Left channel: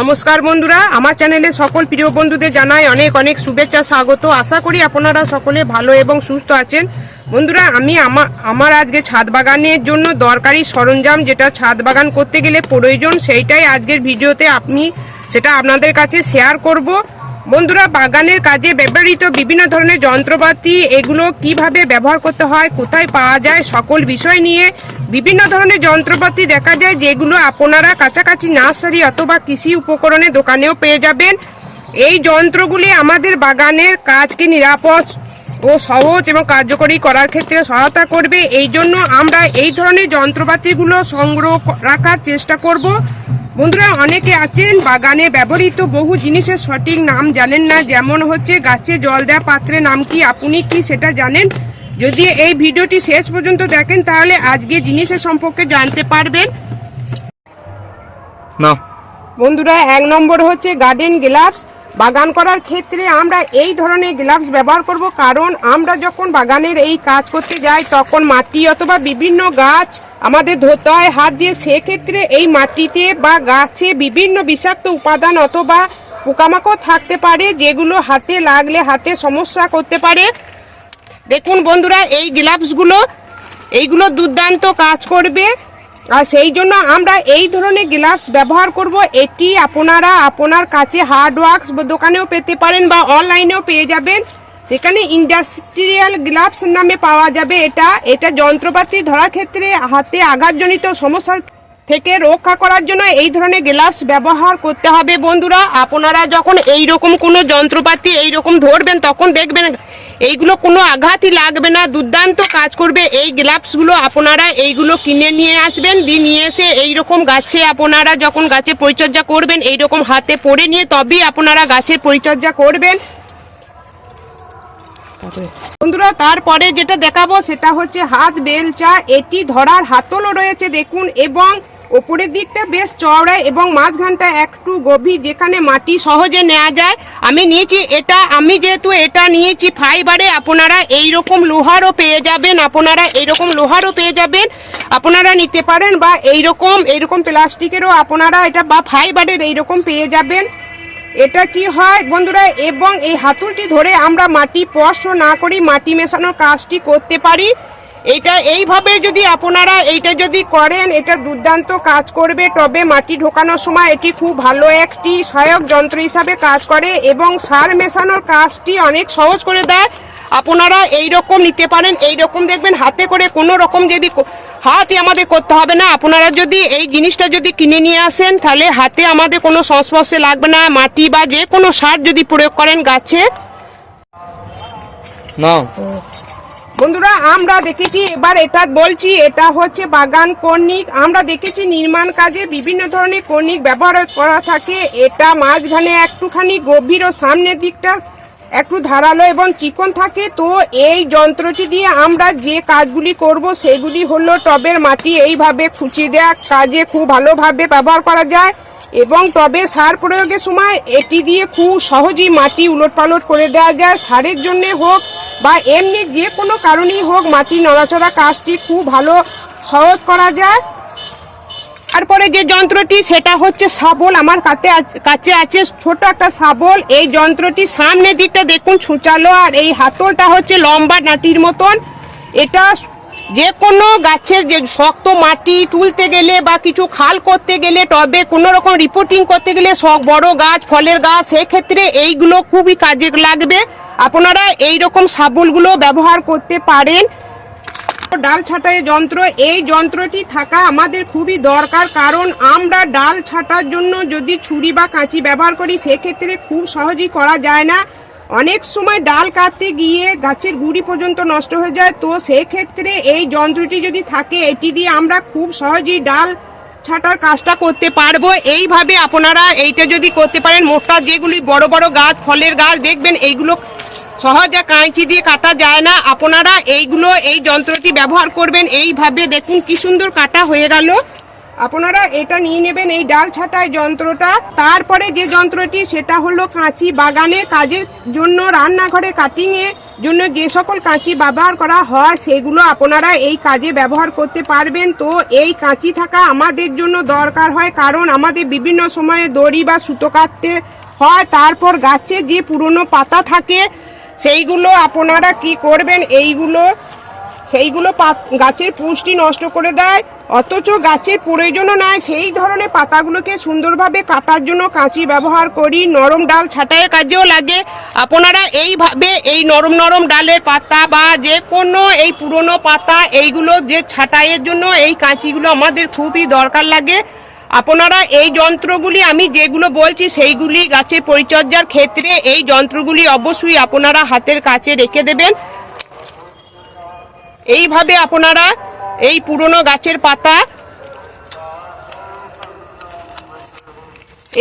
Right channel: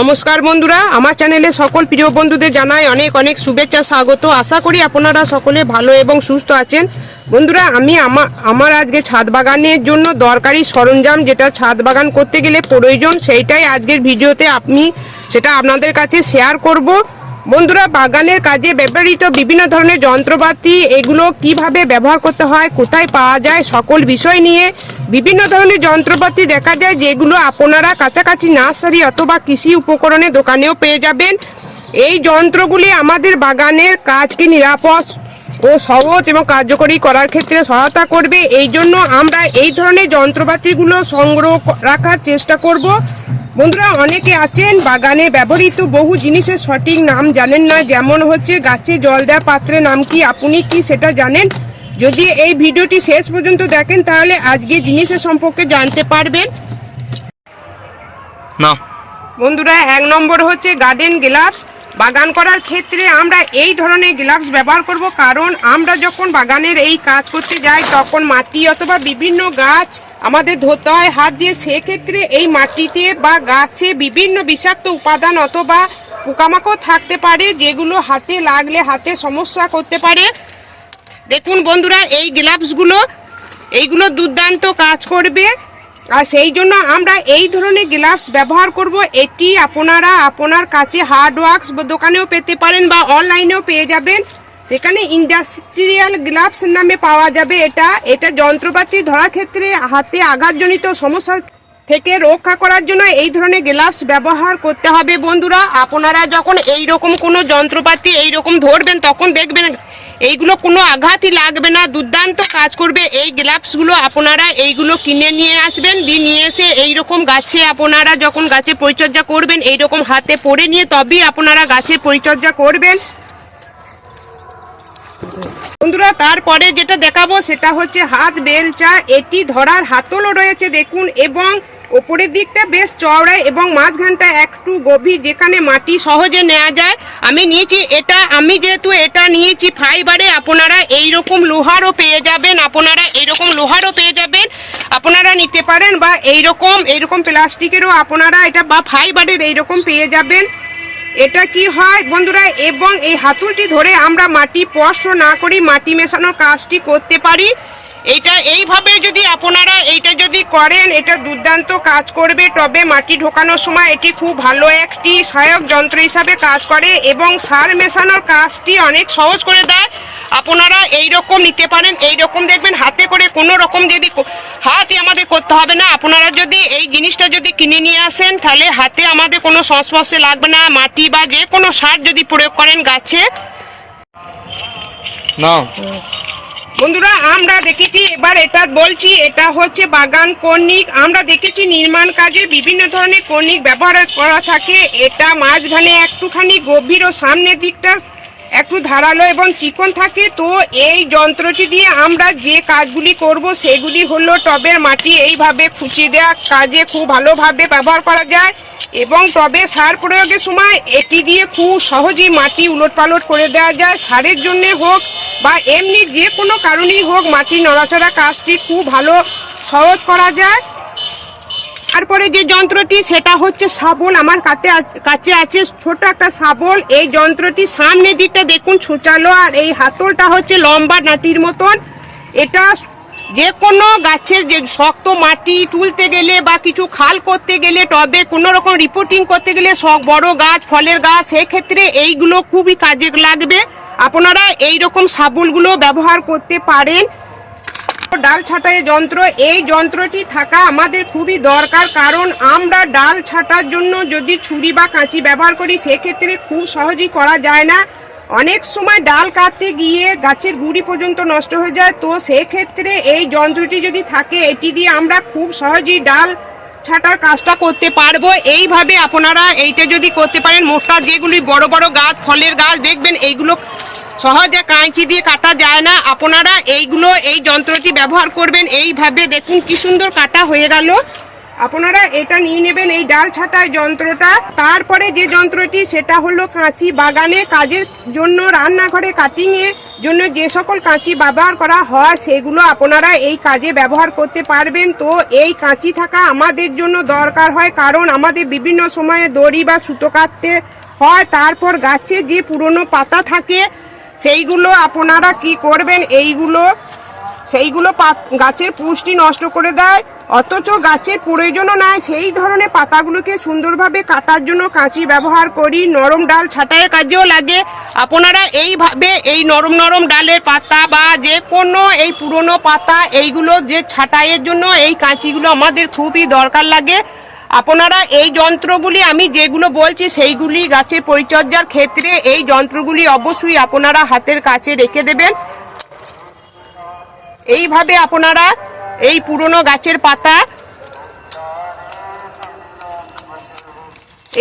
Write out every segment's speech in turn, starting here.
নমস্কার বন্ধুরা, আমার চ্যানেলে সকল প্রিয় বন্ধুদের জানাই অনেক অনেক শুভেচ্ছা, স্বাগত। আশা করি আপনারা সকলে ভালো এবং সুস্থ আছেন। বন্ধুরা, আমি আমার আজকে ছাদ বাগানের জন্য দরকারি সরঞ্জাম যেটা ছাদ বাগান করতে গেলে প্রয়োজন, সেইটাই আজকের ভিডিওতে আপনি সেটা আপনাদের কাছে শেয়ার করব। বন্ধুরা, বাগানের কাজে ব্যবহৃত বিভিন্ন ধরনের যন্ত্রপাতি, এগুলো কীভাবে ব্যবহার করতে হয়, কোথায় পাওয়া যায়, সকল বিষয় নিয়ে বিভিন্ন ধরনের যন্ত্রপাতি দেখা যায়, যেগুলো আপনারা কাছাকাছি নার্সারি অথবা কৃষি উপকরণের দোকানেও পেয়ে যাবেন। এই যন্ত্রগুলি আমাদের বাগানের কাজকে নিরাপদ ও সহজ এবং কার্যকরী করার ক্ষেত্রে সহায়তা করবে। এই জন্য আমরা এই ধরনের যন্ত্রপাতিগুলো সংগ্রহ রাখার চেষ্টা করব। বন্ধুরা অনেকে আছেন বাগানে ব্যবহৃত বহু জিনিসের সঠিক নাম জানেন না যেমন হচ্ছে গাছে জল দেওয়া পাত্রের নাম কি আপনি কি সেটা জানেন? যদি এই ভিডিওটি শেষ পর্যন্ত দেখেন তাহলে আজকে জিনিসের সম্পর্কে জানতে পারবেন। না। বন্ধুরা এক নম্বর হচ্ছে গার্ডেন গ্লাভস বাগান করার ক্ষেত্রে আমরা এই ধরনের গ্লাভস ব্যবহার করব, কারণ আমরা যখন বাগানের এই কাজ করতে যাই, তখন মাটি অথবা বিভিন্ন গাছ আমাদের ধরতে হয় হাত দিয়ে, সেক্ষেত্রে এই মাটিতে বা গাছে বিভিন্ন বিষাক্ত উপাদান অথবা পোকামাকড় থাকতে পারে, যেগুলো হাতে লাগলে হাতে সমস্যা করতে পারে। দেখুন বন্ধুরা, এই গ্লাভসগুলো, এইগুলো দুর্দান্ত কাজ করবে। আর সেই জন্য আমরা এই ধরনের গ্লাভস ব্যবহার করব। এটি আপনারা আপনার কাছে হার্ড ওয়ার্কস দোকানেও পেতে পারেন বা অনলাইনেও পেয়ে যাবেন। সেখানে ইন্ডাস্ট্রিয়াল গ্লাভস নামে পাওয়া যাবে এটা। এটা যন্ত্রপাতি ধরার ক্ষেত্রে হাতে আঘাতজনিত সমস্যার থেকে রক্ষা করার জন্য এই ধরনের গ্লাভস ব্যবহার করতে হবে বন্ধুরা। আপনারা যখন এই রকম কোনো যন্ত্রপাতি এই রকম ধরবেন, তখন দেখবেন এইগুলো কোনো আঘাতই লাগবে না। দুর্দান্ত কাজ করবে এই গ্লাভসগুলো। আপনারা এইগুলো কিনে নিয়ে আসবেন, দিয়ে নিয়ে এসে এই রকম গাছে আপনারা যখন গাছে পরিচর্যা করবেন এই রকম হাতে পরে নিয়ে তবেই আপনারা গাছের পরিচর্যা করবেন। বন্ধুরা, তারপরে যেটা দেখাবো সেটা হচ্ছে হাত বেলচা। এটি ধরার হাতলও রয়েছে, দেখুন, এবং ওপরের দিকটা বেশ চওড়া এবং মাঝখানটা একটু গভীর, যেখানে মাটি সহজে নেওয়া যায়। আমি নিয়েছি এটা, আমি যেহেতু এটা নিয়েছি ফাইবারে, আপনারা এই রকম লোহারও পেয়ে যাবেন, আপনারা এইরকম লোহারও পেয়ে যাবেন। আপনারা নিতে পারেন বা এইরকম এইরকম প্লাস্টিকেরও আপনারা এটা বা ফাইবারের এইরকম পেয়ে যাবেন। এটা কি হয় বন্ধুরা, এবং এই হাতুড়টি ধরে আমরা মাটি স্পর্শ না করি, মাটি মেশানোর কাজটি করতে পারি। এটা এইভাবে যদি আপনারা এইটা যদি করেন এটা দুর্দান্ত কাজ করবে। তবে মাটি ঢোকানোর সময় এটি খুব ভালো একটি সহায়ক যন্ত্র হিসাবে কাজ করে এবং সার মেশানোর কাজটি অনেক সহজ করে দেয়। আপনারা এই রকম নিতে পারেন এই রকম দেখবেন হাতে করে কোনো রকম যদি হাতই আমাদের করতে হবে না। আপনারা যদি এই জিনিসটা যদি কিনে নিয়ে আসেন তাহলে হাতে আমাদের কোনো সংস্পর্শে লাগবে না। মাটি বা যে কোনো সার যদি প্রয়োগ করেন গাছে। না বন্ধুরা, আমরা দেখেছি, এবার এটা বলছি, এটা হচ্ছে বাগান কর্ণিক। আমরা দেখেছি নির্মাণ কাজে বিভিন্ন ধরনের কর্ণিক ব্যবহার করা থাকে। এটা মাঝখানে একটুখানি গভীর ও সামনের দিকটা একটু ধারালো এবং চিকন থাকে, তো এই যন্ত্রটি দিয়ে আমরা যে কাজগুলি করব সেগুলি হলো টবের মাটি এইভাবে খুঁচি দেওয়া কাজে খুব ভালোভাবে ব্যবহার করা যায় এবং টবে সার প্রয়োগের সময় এটি দিয়ে খুব সহজেই মাটি উলট পালট করে দেওয়া যায়, সারের জন্য হোক বা এমনি যে কোনো কারণেই হোক মাটি নড়াচড়া কাজটি খুব ভালো সহজ করা যায়। তারপরে যে যন্ত্রটি, সেটা হচ্ছে শাবল। আমার কাছে কাছে আছে ছোট একটা শাবল। এই যন্ত্রটি সামনের দিকটা দেখুন ছুচালো আর এই হাতলটা হচ্ছে লম্বা নাটির মতন। এটা যে কোনো গাছের যে শক্ত মাটি তুলতে গেলে বা কিছু খাল করতে গেলে, টবে কোনো রকম রিপোর্টিং করতে গেলে সব বড় গাছ, ফলের গাছ, সেক্ষেত্রে এইগুলো খুবই কাজে লাগবে। আপনারা এই রকম শাবলগুলো ব্যবহার করতে পারেন। ডাল ছাঁটাই যন্ত্র, এই যন্ত্রটি থাকা আমাদের খুবই দরকার। কারণ আমরা ডাল ছাঁটার জন্য যদি ছুরি বা কাঁচি ব্যবহার করি, সেক্ষেত্রে খুব সহজেই করা যায় না। অনেক সময় ডাল কাটতে গিয়ে গাছের গুড়ি পর্যন্ত নষ্ট হয়ে যায়। তো সেক্ষেত্রে এই যন্ত্রটি যদি থাকে, এটি দিয়ে আমরা খুব সহজেই ডাল ছাটার কাজটা করতে পারব। এইভাবে আপনারা এইটা যদি করতে পারেন, মোটা যেগুলি বড় বড় গাছ, ফলের গাছ, দেখবেন এইগুলো সহজে কাঁচি দিয়ে কাটা যায় না। আপনারা এইগুলো, এই যন্ত্রটি ব্যবহার করবেন। এইভাবে দেখুন কি সুন্দর কাটা হয়ে গেল। আপনারা এটা নিয়ে নেবেন এই ডাল ছাঁটাই যন্ত্রটা। তারপরে যে যন্ত্রটি, সেটা হলো কাঁচি বাগানে কাজের জন্য, রান্নাঘরে কাটিং এর জন্য যে সকল কাঁচি ব্যবহার করা হয়, সেগুলো আপনারা এই কাজে ব্যবহার করতে পারবেন। তো এই কাঁচি থাকা আমাদের জন্য দরকার হয়, কারণ আমাদের বিভিন্ন সময়ে দড়ি বা সুতো কাটতে হয়। তারপর গাছে যে পুরনো পাতা থাকে সেইগুলো আপনারা কি করবেন? এইগুলো, সেইগুলো গাছের পুষ্টি নষ্ট করে দেয়। অথচ গাছের প্রয়োজনও নাই। সেই ধরনের পাতাগুলোকে সুন্দরভাবে কাটার জন্য কাঁচি ব্যবহার করি। নরম ডাল ছাঁটাইয়ের কাজেও লাগে। আপনারা এইভাবে এই নরম নরম ডালের পাতা বা যে কোনো এই পুরনো পাতা, এইগুলো যে ছাঁটাইয়ের জন্য এই কাঁচিগুলো আমাদের খুবই দরকার লাগে। আপনারা এই যন্ত্রগুলি আমি যেগুলো বলছি সেইগুলি গাছের পরিচর্যার ক্ষেত্রে এই যন্ত্রগুলি অবশ্যই আপনারা হাতের কাছে রেখে দেবেন। এইভাবে আপনারা এই পুরনো গাছের পাতা,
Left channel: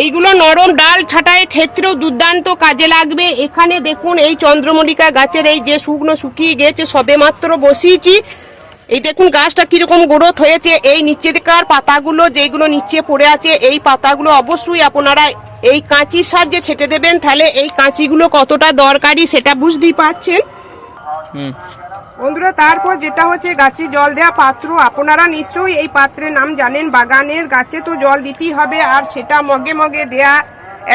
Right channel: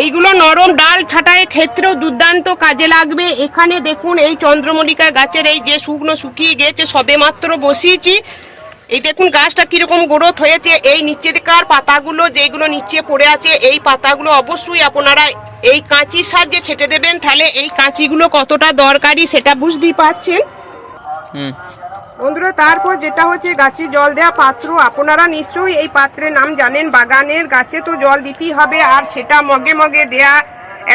এইগুলো নরম ডাল ছাঁটাইয়ের ক্ষেত্রেও দুর্দান্ত কাজে লাগবে। এখানে দেখুন এই চন্দ্রমল্লিকা গাছের এই যে শুকনো শুকিয়ে গেছে সবে মাত্র বসিয়েছি। এই দেখুন গাছটা কীরকম গ্রোথ হয়েছে এই নিচেকার পাতাগুলো যেগুলো নিচে পড়ে আছে এই পাতাগুলো অবশ্যই আপনারা এই কাঁচির সাহায্যে ছেটে দেবেন। তাহলে এই কাঁচিগুলো কতটা দরকারি সেটা বুঝতেই পাচ্ছেন? বন্ধুরা তারপর যেটা হচ্ছে গাছে জল দেওয়া পাত্র আপনারা নিশ্চয়ই এই পাত্রের নাম জানেন। বাগানের গাছে তো জল দিতেই হবে আর সেটা মগে মগে দেয়া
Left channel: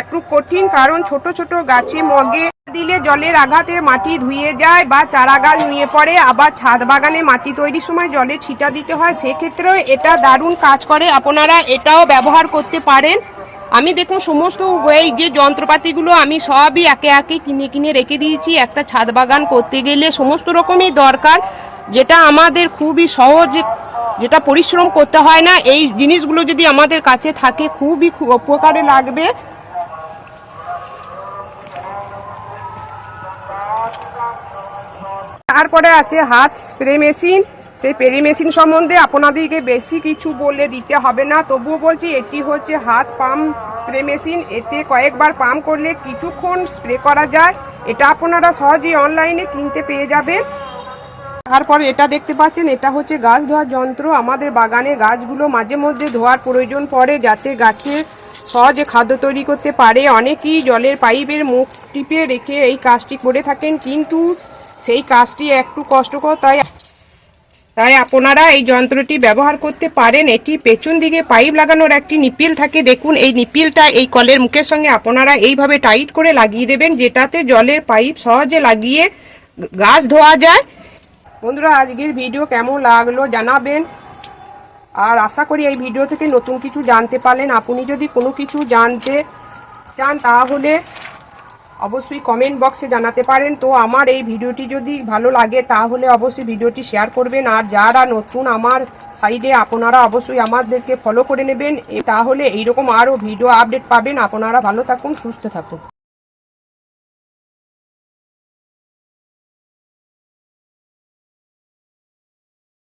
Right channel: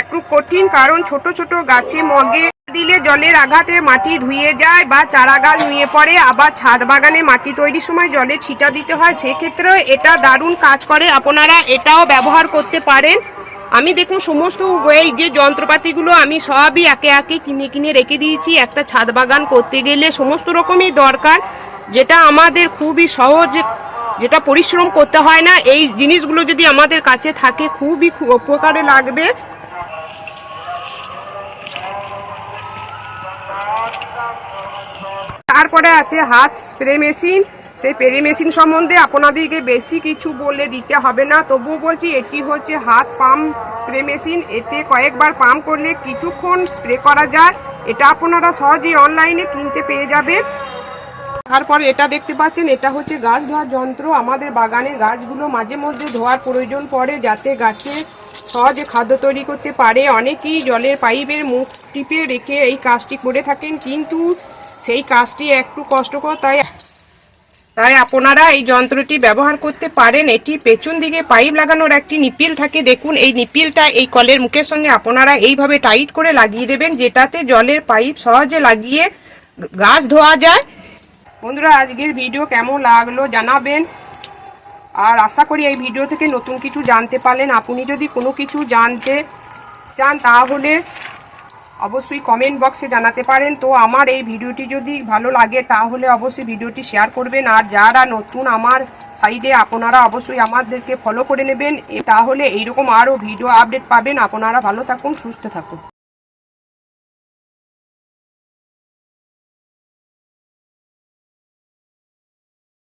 একটু কঠিন কারণ ছোট ছোট গাছে মগে দিলে জলের আঘাতে মাটি ধুয়ে যায় বা চারা গাছ নুয়ে পড়ে, আবার ছাদ বাগানে মাটি তৈরির সময় জলে ছিটা দিতে হয়। সেক্ষেত্রেও এটা দারুণ কাজ করে। আপনারা এটাও ব্যবহার করতে পারেন। আমি দেখুন, সমস্ত এই যে যন্ত্রপাতিগুলো আমি সবই একে একে কিনে কিনে রেখে দিয়েছি। একটা ছাদ বাগান করতে গেলে সমস্ত রকমই দরকার। যেটা আমাদের খুবই সহজ, যেটা পরিশ্রম করতে হয় না। এই জিনিসগুলো যদি আমাদের কাছে থাকে, খুবই উপকারে লাগবে। তারপরে আছে হাত স্প্রে মেশিন। সেই স্প্রে মেশিন সম্বন্ধে আপনাদেরকে বেশি কিছু বলে দিতে হবে না। তবুও বলছি, এটি হচ্ছে হাত পাম্প স্প্রে মেশিন। এতে কয়েকবার পাম্প করলে কিছুক্ষণ স্প্রে করা যায়। এটা আপনারা সহজেই অনলাইনে কিনতে পেয়ে যাবেন। তারপর এটা দেখতে পাচ্ছেন, এটা হচ্ছে গাছ ধোয়ার যন্ত্র। আমাদের বাগানে গাছগুলো মাঝে মধ্যে ধোয়ার প্রয়োজন পড়ে, যাতে গাছে সহজে খাদ্য তৈরি করতে পারে। অনেকেই জলের পাইপের মুখ টিপে রেখে এই কাজটি করে থাকেন, কিন্তু সেই কাজটি একটু কষ্টকর, তাই তাই আপনারা এই যন্ত্রটি ব্যবহার করতে পারেন। এটি পেছন দিকে পাইপ লাগানোর একটি নিপিল থাকে। দেখুন, এই নিপিলটা এই কলের মুখের সঙ্গে আপনারা এইভাবে টাইট করে লাগিয়ে দেবেন, যেটাতে জলের পাইপ সহজে লাগিয়ে গাছ ধোয়া যায়। বন্ধুরা, আজকের ভিডিও কেমন লাগল জানাবেন। আর আশা করি এই ভিডিও থেকে নতুন কিছু জানতে পারলেন। আপনি যদি কোনো কিছু জানতে চান, তাহলে অবশ্যই কমেন্ট বক্সে জানাতে পারেন। তো আমার এই ভিডিওটি যদি ভালো লাগে, তাহলে অবশ্যই ভিডিওটি শেয়ার করবেন। আর যারা নতুন আমার সাইডে আপনারা অবশ্যই আমাদেরকে ফলো করে নেবেন। তাহলে এইরকম আরও ভিডিও আপডেট পাবেন। আপনারা ভালো থাকুন, সুস্থ থাকুন।